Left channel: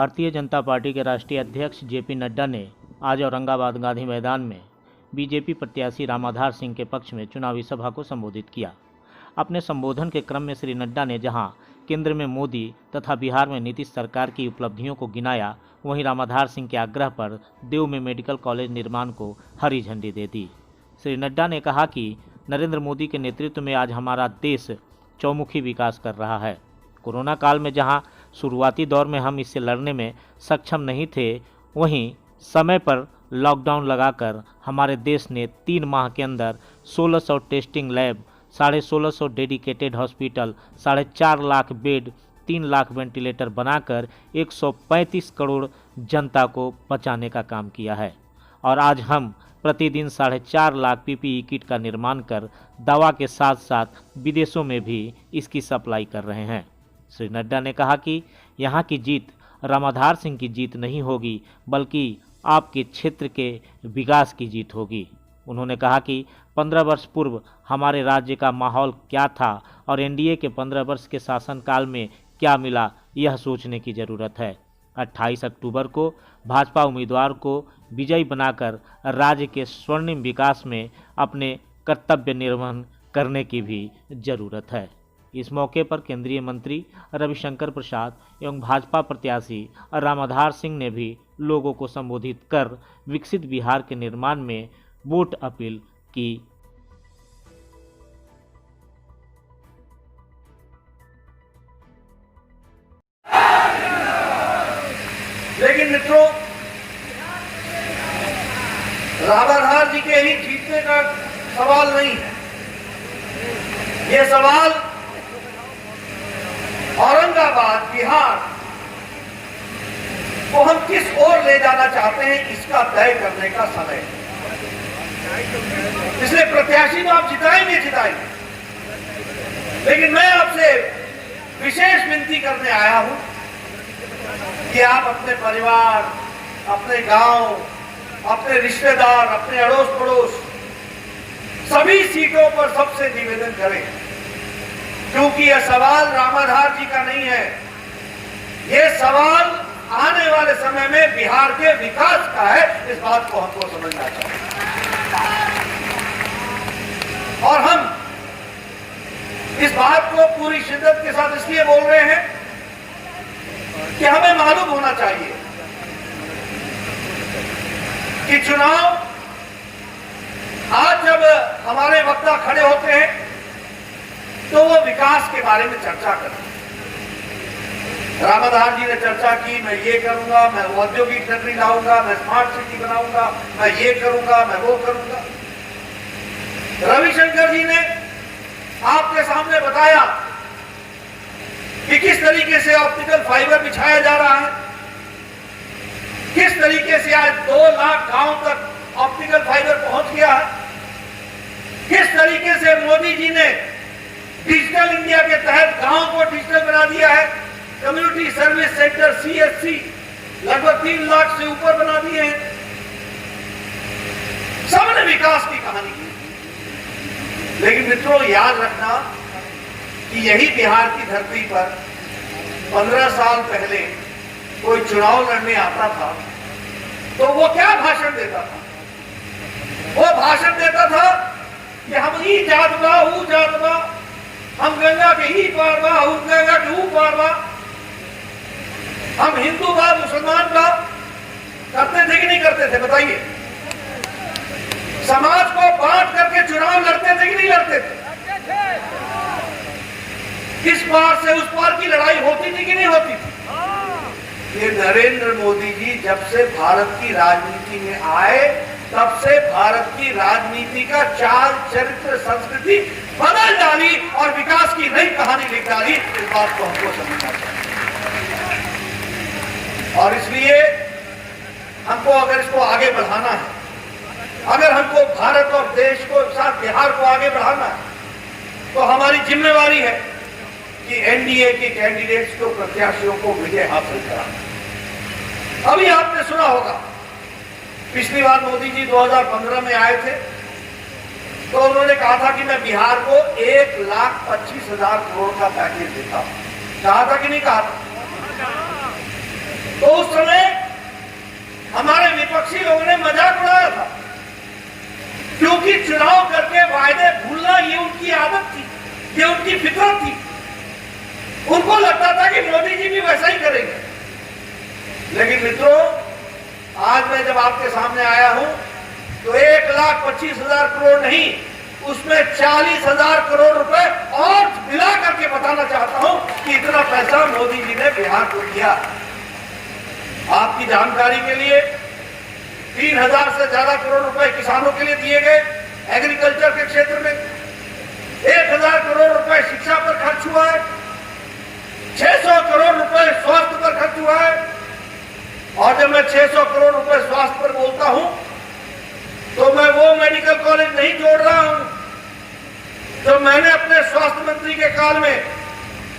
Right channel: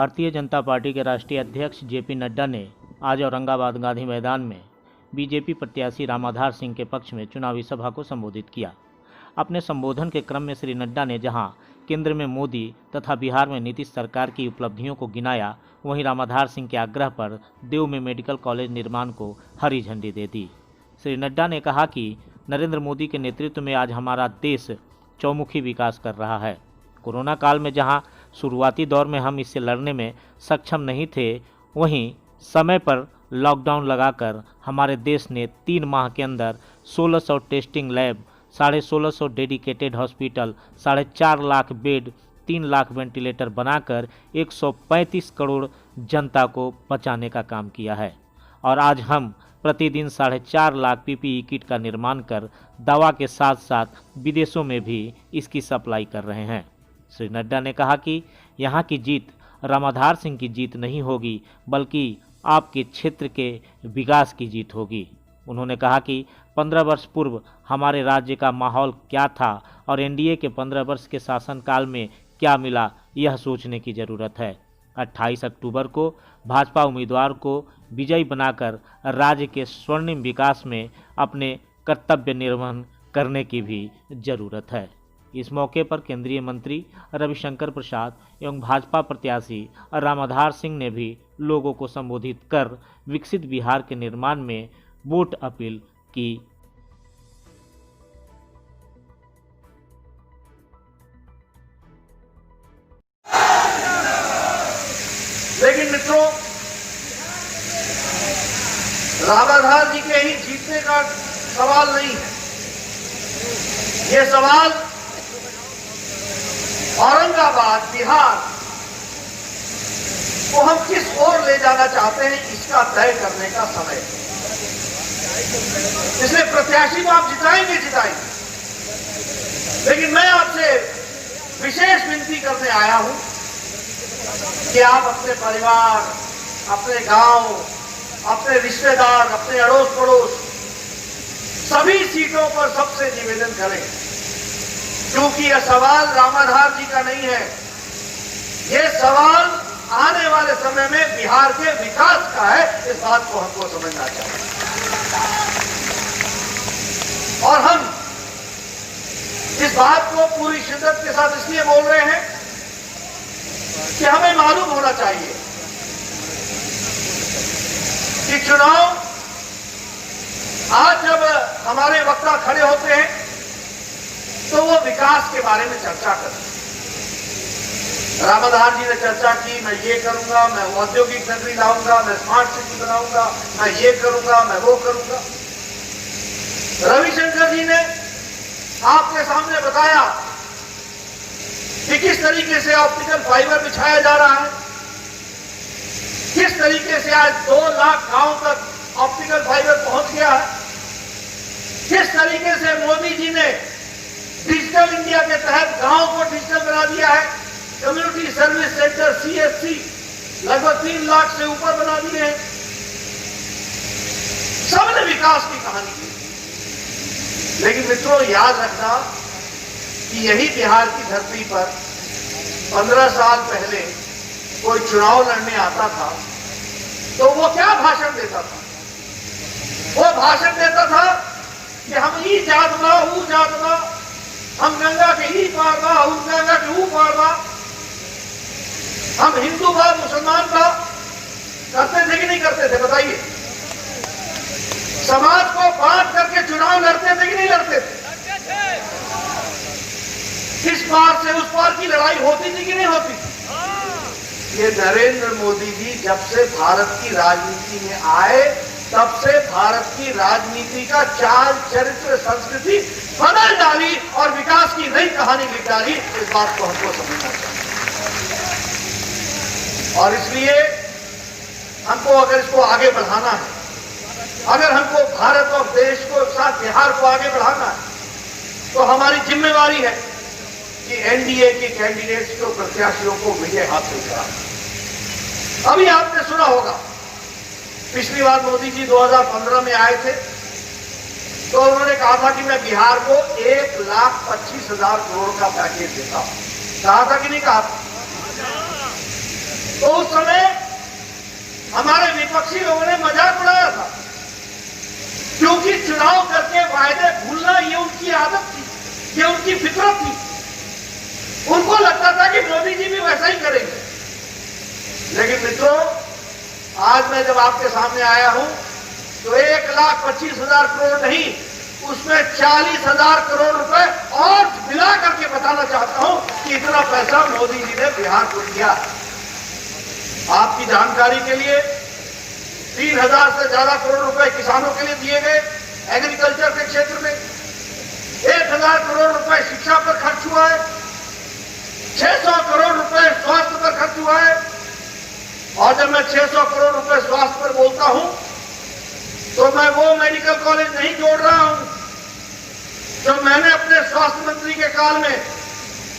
Bharatiya Janata party के राष्ट्रीय अध्यक्ष जेपी नड्डा ने आज औरंगाबाद गांधी मैदान में बीजेपी प्रत्याशी रामाधार सिंह के पक्ष में चुनावी सभा को संबोधित किया। अपने संबोधन के क्रम में श्री नड्डा ने जहां केंद्र में मोदी तथा बिहार में नीतीश सरकार की उपलब्धियों को गिनाया, वहीं रामाधार सिंह के आग्रह पर देव में मेडिकल कॉलेज निर्माण को हरी झंडी दे दी। श्री नड्डा ने कहा कि नरेंद्र मोदी के नेतृत्व में आज हमारा देश चौमुखी विकास कर रहा है। कोरोना काल में जहां शुरुआती दौर में हम इससे लड़ने में सक्षम नहीं थे, वहीं समय पर लॉकडाउन लगाकर हमारे देश ने 3 माह के अंदर 1600 testing lab, 1650 dedicated hospital, 4.5 lakh bed, 3 lakh ventilator बनाकर 135 करोड़ जनता को बचाने का काम किया है। और आज हम प्रतिदिन 4.5 लाख पीपीई किट का निर्माण कर दवा के साथ साथ विदेशों में भी इसकी सप्लाई कर रहे हैं। श्री नड्डा ने कहा कि यहाँ की जीत रामाधार सिंह की जीत नहीं होगी, बल्कि आपके क्षेत्र के विकास की जीत होगी। उन्होंने कहा कि 15 वर्ष पूर्व हमारे राज्य का माहौल क्या था और एनडीए के 15 वर्ष के शासनकाल में क्या मिला, यह सोचने की ज़रूरत है। 28 अक्टूबर को भाजपा उम्मीदवार को विजयी बनाकर राज्य के स्वर्णिम विकास में अपने कर्तव्य निर्वहन करने की भी ज़रूरत है। इस मौके पर केंद्रीय मंत्री रविशंकर प्रसाद एवं भाजपा प्रत्याशी रामाधार सिंह ने भी लोगों को संबोधित कर विकसित बिहार के निर्माण में वोट अपील की। लेकिन मित्रों, रामाधार जी के ही जीतने का सवाल नहीं है। ये सवाल औरंगाबाद, बिहार को हम किस ओर ले जाना चाहते हैं, इसका तय करने का समय है। इसलिए प्रत्याशी तो आप जिताएंगे, लेकिन मैं आपसे विशेष विनती करने आया हूं कि आप अपने परिवार, अपने गांव, अपने रिश्तेदार, अपने अड़ोस पड़ोस सभी सीटों पर सबसे निवेदन करें, क्योंकि यह सवाल रामाधार जी का नहीं है। यह सवाल आने वाले समय में बिहार के विकास का है। इस बात को हमको समझना चाहिए और हम इस बात को पूरी शिद्दत के साथ इसलिए बोल रहे हैं कि हमें मालूम होना चाहिए कि चुनाव आज जब हमारे वक्ता खड़े होते हैं तो वो विकास के बारे में चर्चा करते हैं। रामाधार जी ने चर्चा की, मैं ये करूंगा, मैं वो औद्योगिक नगरी लाऊंगा, मैं स्मार्ट सिटी बनाऊंगा, मैं ये करूंगा, मैं वो करूंगा। रविशंकर जी ने आपके सामने बताया कि किस तरीके से ऑप्टिकल फाइबर बिछाया जा रहा है, किस तरीके से आज 2 लाख गांव तक ऑप्टिकल फाइबर पहुंच गया है, किस तरीके से मोदी जी ने डिजिटल इंडिया के तहत गांव को डिजिटल बना दिया है। कम्युनिटी सर्विस सेंटर CSC लगभग 3 लाख से ऊपर बना दिए हैं। सबने विकास की कहानी की। लेकिन मित्रों, याद रखना कि यही बिहार की धरती पर 15 साल पहले कोई चुनाव लड़ने आता था तो वो क्या भाषण देता था? वो भाषण देता था कि हम ई जात बा, ऊ जात बा, हम गंगा के ई पार बा, ऊ गंगा के ऊ पार बा, हम हिंदू बा, मुसलमान बा। करते थे कि नहीं करते थे? बताइए। समाज को बांट करके चुनाव लड़ते थे कि नहीं लड़ते थे? इस पार से उस पार की लड़ाई होती थी कि नहीं होती थी? ये नरेंद्र मोदी जी जब से भारत की राजनीति में आए तब से भारत की राजनीति का चाल, चरित्र, संस्कृति बदल डाली और विकास की नई कहानी लिख डाली। इस बात को हमको समझना चाहिए और इसलिए हमको अगर इसको आगे बढ़ाना है, अगर हमको भारत और देश को साथ बिहार को आगे बढ़ाना है, तो हमारी जिम्मेवारी है कि एनडीए के कैंडिडेट्स को, प्रत्याशियों को विजय हासिल कराना। अभी आपने सुना होगा, पिछली बार मोदी जी 2015 में आए थे तो उन्होंने कहा था कि मैं बिहार को 1,25,000 करोड़ का पैकेज देता हूं। कहा था कि नहीं कहा था? तो उस समय हमारे विपक्षी लोगों ने मजाक उड़ाया था, क्योंकि चुनाव करके वायदे भूलना ये उनकी आदत थी, ये उनकी फितरत थी। उनको लगता था कि मोदी जी भी वैसा ही करेंगे। लेकिन मित्रों, आज मैं जब आपके सामने आया हूं तो 1,25,000 करोड़ नहीं, उसमें 40,000 करोड़ रुपए और मिला करके बताना चाहता हूं कि इतना पैसा मोदी जी ने बिहार को दिया। आपकी जानकारी के लिए 3,000 से ज्यादा करोड़ रुपए किसानों के लिए दिए गए, एग्रीकल्चर के क्षेत्र में 1,000 करोड़ रुपए शिक्षा पर खर्च हुआ है, 600 करोड़ रुपए स्वास्थ्य पर खर्च हुआ है। और जब मैं 600 करोड़ रुपए स्वास्थ्य पर बोलता हूं तो मैं वो मेडिकल कॉलेज नहीं जोड़ रहा हूं जो मैंने अपने स्वास्थ्य मंत्री के काल में,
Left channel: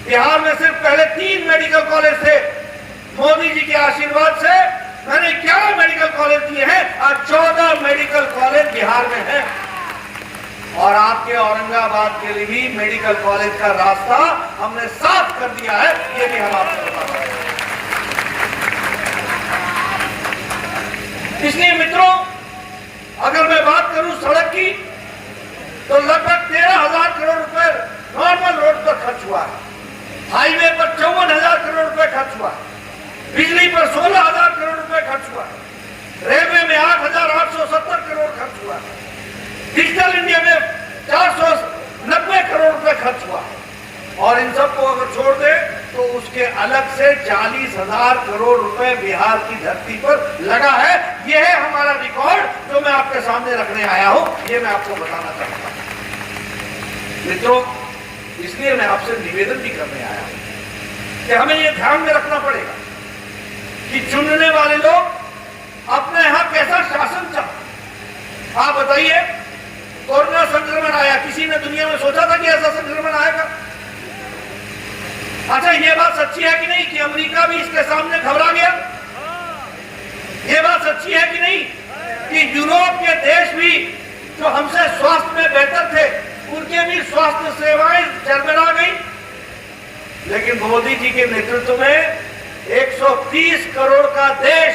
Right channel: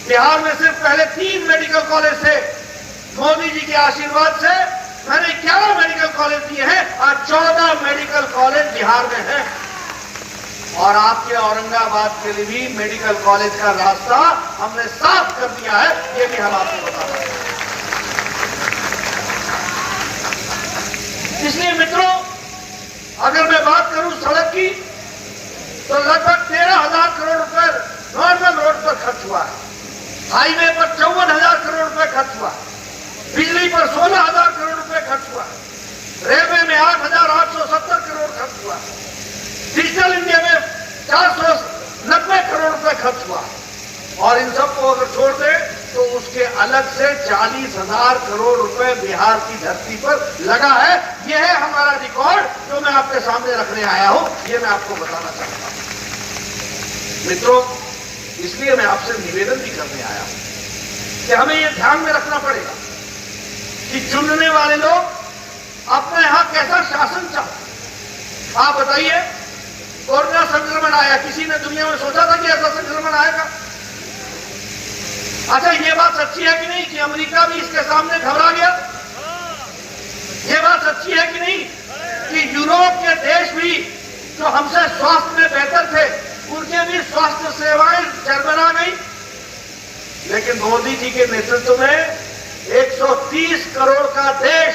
बिहार में सिर्फ पहले 3 मेडिकल कॉलेज थे। मोदी जी के आशीर्वाद से मैंने 11 मेडिकल कॉलेज दिए हैं, आज 14 मेडिकल कॉलेज बिहार में हैं। और आपके औरंगाबाद के लिए भी मेडिकल कॉलेज का रास्ता हमने साफ कर दिया है, ये भी हम आपको बता रहे हैं। इसलिए मित्रों, अगर मैं बात करूं सड़क की, तो लगभग 13,000 करोड़ रुपए नॉर्मल रोड पर खर्च हुआ है, हाईवे पर 54,000 करोड़ रुपए खर्च हुआ है, बिजली पर 16,000 करोड़ रुपए खर्च हुआ है, रेलवे में 8,870 करोड़ खर्च हुआ है, डिजिटल इंडिया में 490 करोड़ रुपए खर्च हुआ है। और इन सबको अगर छोड़ दे तो उसके अलग से 40,000 करोड़ रुपए बिहार की धरती पर लगा है। यह है हमारा रिकॉर्ड जो मैं आपके सामने रखने आया हूं, ये मैं आपको बताना चाहता हूं। मित्रों, इसलिए मैं आपसे निवेदन भी करने आया हूं कि हमें यह ध्यान में रखना पड़ेगा कि चुनने वाले लोग अपने यहां कैसा शासन चाहते। आप बताइए, कोरोना संक्रमण आया, किसी ने दुनिया में सोचा था कि ऐसा संक्रमण आएगा? अच्छा, ये बात सच्ची है कि नहीं कि अमेरिका भी इसके सामने घबरा गया? ये बात सच्ची है कि नहीं कि यूरोप के देश भी जो हमसे स्वास्थ्य में बेहतर थे, उनके भी स्वास्थ्य सेवाएं चरमरा गई? लेकिन मोदी जी के नेतृत्व में 130 करोड़ का देश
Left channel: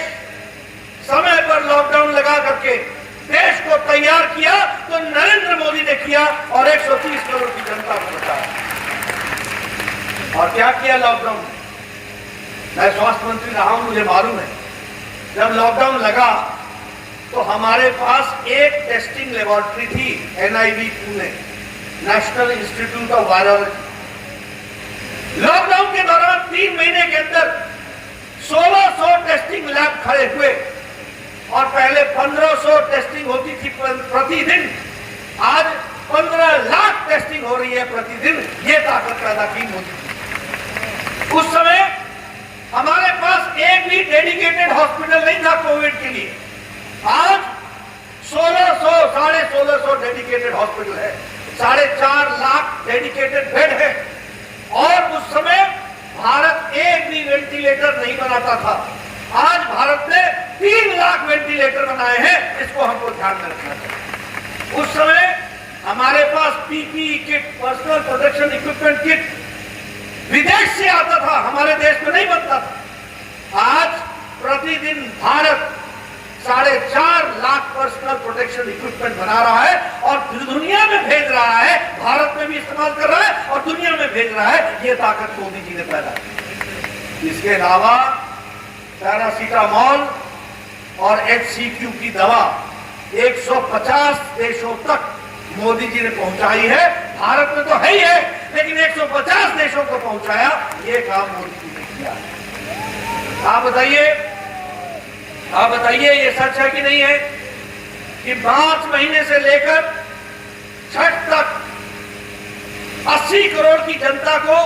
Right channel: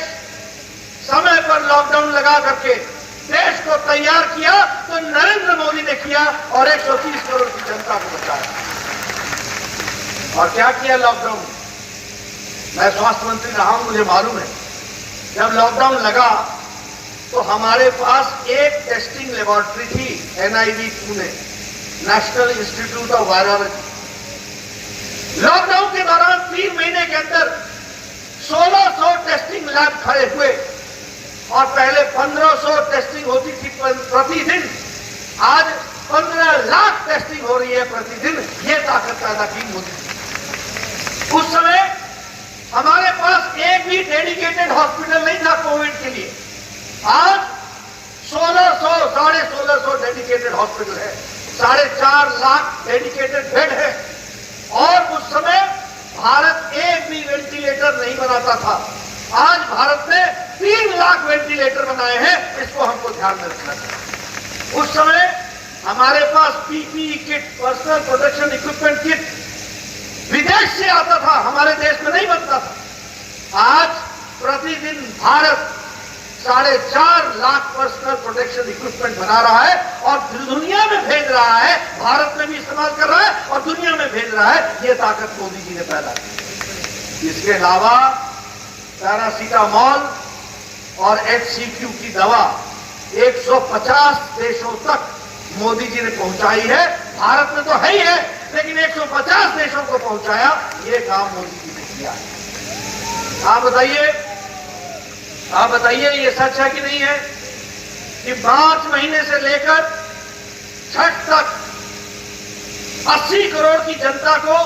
समय पर लॉकडाउन लगा करके देश को तैयार किया, तो नरेंद्र मोदी ने किया और 130 करोड़ की जनता को बचाया। और क्या किया लॉकडाउन? मैं स्वास्थ्य मंत्री रहा हूं, मुझे मालूम है, जब लॉकडाउन लगा तो हमारे पास एक टेस्टिंग लेबोरेटरी थी, NIV Pune, national institute of virology. Lockdown के दौरान 3 महीने के अंदर 1600 टेस्टिंग लैब खड़े हुए और पहले 1500 टेस्टिंग होती थी प्रतिदिन, आज 15 लाख टेस्टिंग हो रही है प्रतिदिन। ये ताकत पैदा की मोदी जी। उस समय हमारे पास एक भी डेडिकेटेड हॉस्पिटल नहीं था कोविड के लिए, आज 1600, 1650 डेडिकेटेड हॉस्पिटल है, 4.5 लाख डेडिकेटेड बेड है। और उस समय भारत एक भी वेंटिलेटर नहीं बनाता था, आज भारत ने 3 लाख वेंटिलेटर बनाए हैं। इसको हमको ध्यान में रखना चाहिए। उस समय हमारे पास PPE kit, personal protection equipment kit विदेश से आता था, हमारे देश में नहीं बनता था। आज प्रतिदिन Bharat 4.5 lakh personal protection equipment बना रहा है और दुनिया में भेज रहा है, भारत में भी इस्तेमाल कर रहा है और दुनिया में भेज रहा है। ये ताकत मोदी जी ने पैदा की। इसके अलावा पैरासीटामोल और HCQ की दवा 150 देशों तक मोदी जी ने पहुंचाई है। भारत में तो है ही है, लेकिन 150 देशों को पहुंचाया, ये काम मोदी जी ने किया। आप बताइए ये सच है कि नहीं है कि मार्च महीने से लेकर छठ तक 80 करोड़ की जनता को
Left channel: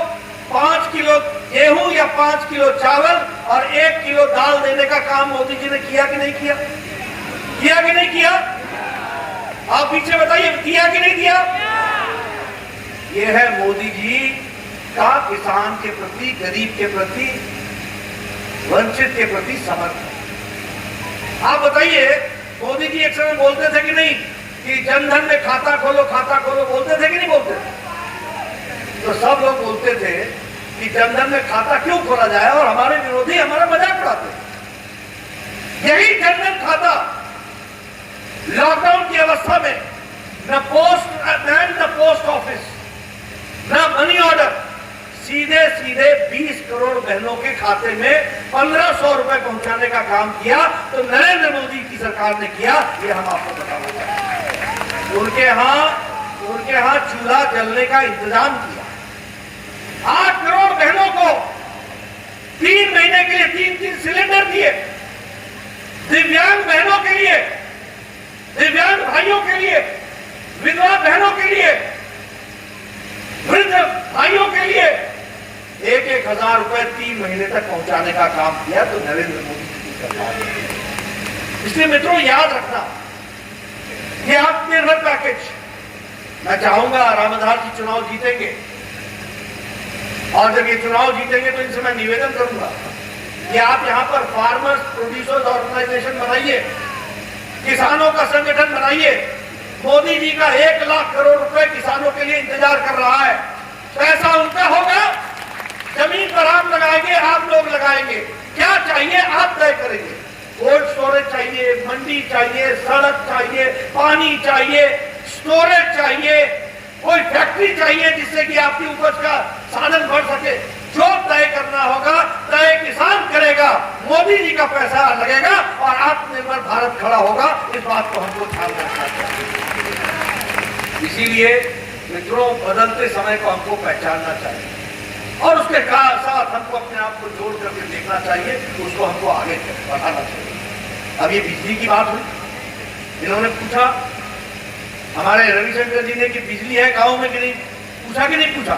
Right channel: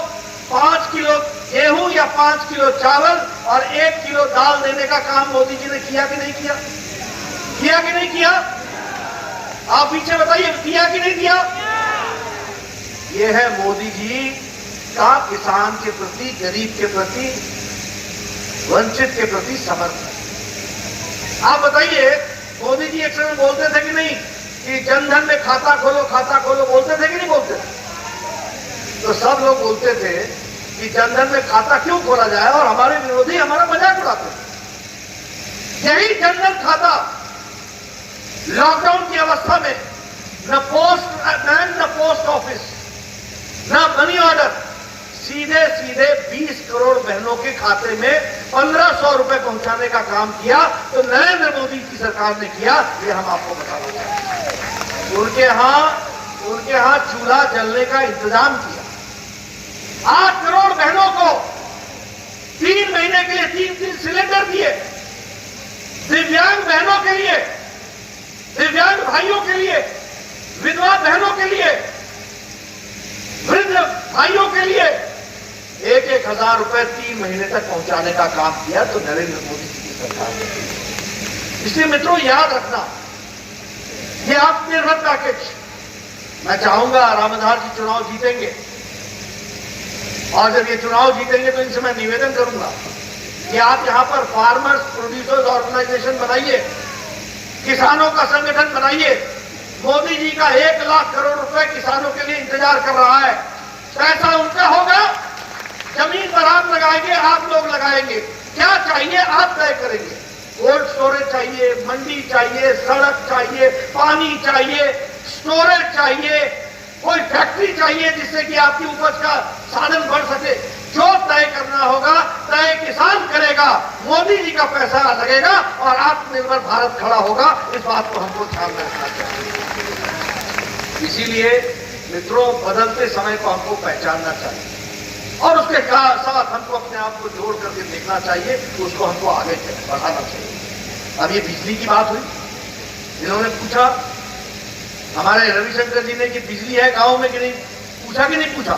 5 किलो गेहूं या 5 किलो चावल और 1 किलो दाल देने का काम मोदी जी ने किया कि नहीं किया? किया कि नहीं किया? आप पीछे बताइए, किया कि नहीं किया? यह है मोदी जी का किसान के प्रति, गरीब के प्रति, वंचित के प्रति समर्पण। आप बताइए, मोदी जी एक समय बोलते थे कि नहीं कि जनधन में खाता खोलो, बोलते थे कि नहीं बोलते? तो सब लोग बोलते थे कि जनधन में खाता क्यों खोला जाए, और हमारे विरोधी हमारा मजाक उड़ाते थे। यही जनधन खाता लॉकडाउन की अवस्था में न पोस्ट मैन, न पोस्ट ऑफिस, न मनी ऑर्डर, सीधे सीधे 20 करोड़ बहनों के खाते में 1500 रुपए पहुंचाने का काम किया। तो नरेंद्र मोदी की सरकार ने किया, ये हम आपको बताना चाहते हैं। उनके यहां चूल्हा जलने का इंतजाम किया। 8 करोड़ बहनों को 3 महीने के लिए 3-3 सिलेंडर दिए। दिव्यांग बहनों के लिए, दिव्यांग भाइयों के लिए, विधवा बहनों के लिए, वृद्ध भाइयों के लिए 1-1 हजार रुपए 3 महीने तक पहुंचाने का काम किया। तो नरेंद्र मोदी की सरकार ने। इसलिए मित्रों याद रखना, ये आत्मनिर्भर पैकेज, मैं चाहूंगा रामाधार जी चुनाव जीतेंगे, और जब ये चुनाव जीतेंगे तो इनसे मैं निवेदन करूंगा कि आप यहां पर फार्मर्स प्रोड्यूसर्स ऑर्गेनाइजेशन बनाइए, किसानों का संगठन बनाइए। मोदी जी का 1 लाख करोड़ रुपए किसानों के लिए इंतजार कर रहा है। पैसा उनका होगा, जमीन पर आप लगाएंगे, आप लोग लगाएंगे। क्या चाहिए आप तय करेंगे। कोल्ड स्टोरेज चाहिए, मंडी चाहिए, सड़क चाहिए, पानी चाहिए, स्टोरेज चाहिए, कोई फैक्ट्री चाहिए जिससे कि आपकी उपज का साधन बढ़ सके। जो तय करना होगा तय किसान करेगा, मोदी जी का पैसा लगेगा और आत्मनिर्भर भारत खड़ा होगा। इस बात को हमको ध्यान रखना चाहिए। इसीलिए मित्रों, बदलते समय को हमको पहचानना चाहिए और उसके साथ हमको अपने आप को जोड़ करके देखना चाहिए, उसको हमको आगे बढ़ाना चाहिए। अब ये बिजली की बात हुई, इन्होंने पूछा हमारे रविशंकर जी ने कि बिजली है गांव में कि नहीं, पूछा कि नहीं पूछा।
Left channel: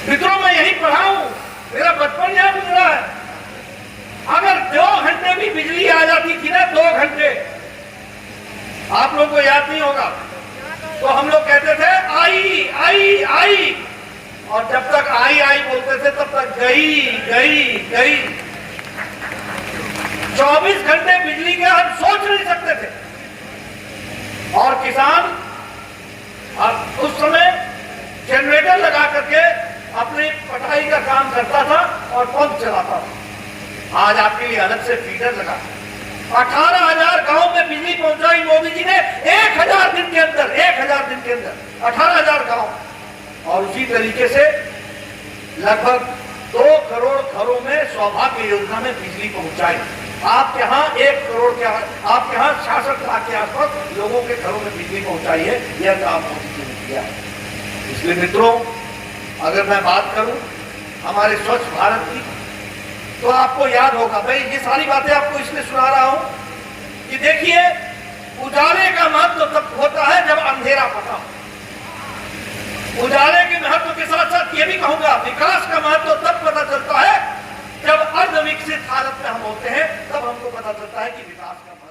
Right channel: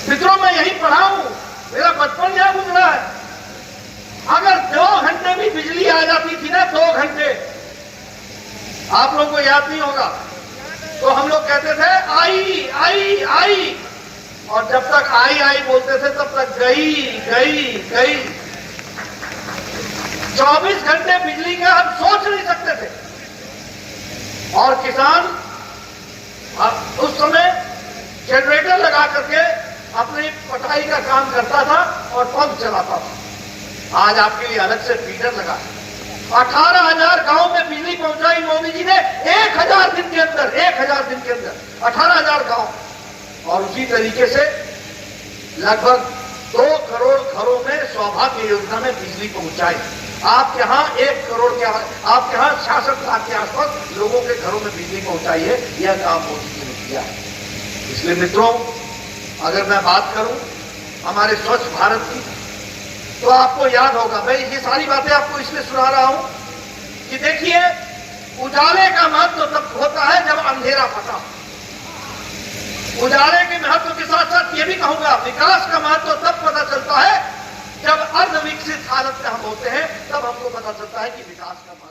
मित्रों, मैं यही पढ़ा हूं, मेरा बचपन यहां गुजरा है। अगर 2 घंटे भी बिजली आ जाती थी ना, 2 घंटे, आप लोगों को याद नहीं होगा, तो हम लोग कहते थे आई आई आई, और जब तक आई आई बोलते थे तब तक गई गई गई। 24 घंटे बिजली का हम सोच नहीं सकते थे। और किसान अब उस समय जनरेटर लगा करके अपनी पटाई का काम करता था और पंप चलाता था। आज आपके लिए अलग से फीडर लगा है। 18,000 गांव में बिजली पहुंचाई मोदी जी ने 1,000 दिन के अंदर, 1,000 दिन के अंदर 18,000 गांव। और उसी तरीके से लगभग 2 करोड़ घरों में सौभाग्य योजना में बिजली पहुंचाई। आप यहां 1 करोड़ के, आप यहां 66 लाख के आसपास लोगों के घरों में बिजली पहुंचाई है। यह काम मोदी जी ने किया है। इसलिए मित्रों, अगर मैं बात करूं हमारे स्वच्छ भारत की, तो आपको याद होगा, भाई ये सारी बातें आपको इसलिए सुना रहा हूं कि देखिए, उजाले का महत्व तब होता है जब अंधेरा पटा। उजाले के महत्व के साथ साथ ये भी कहूंगा, विकास का महत्व तब पता चलता है जब अर्ध विकसित हालत में हम होते हैं, तब हमको पता चलता है कि विकास का महत्व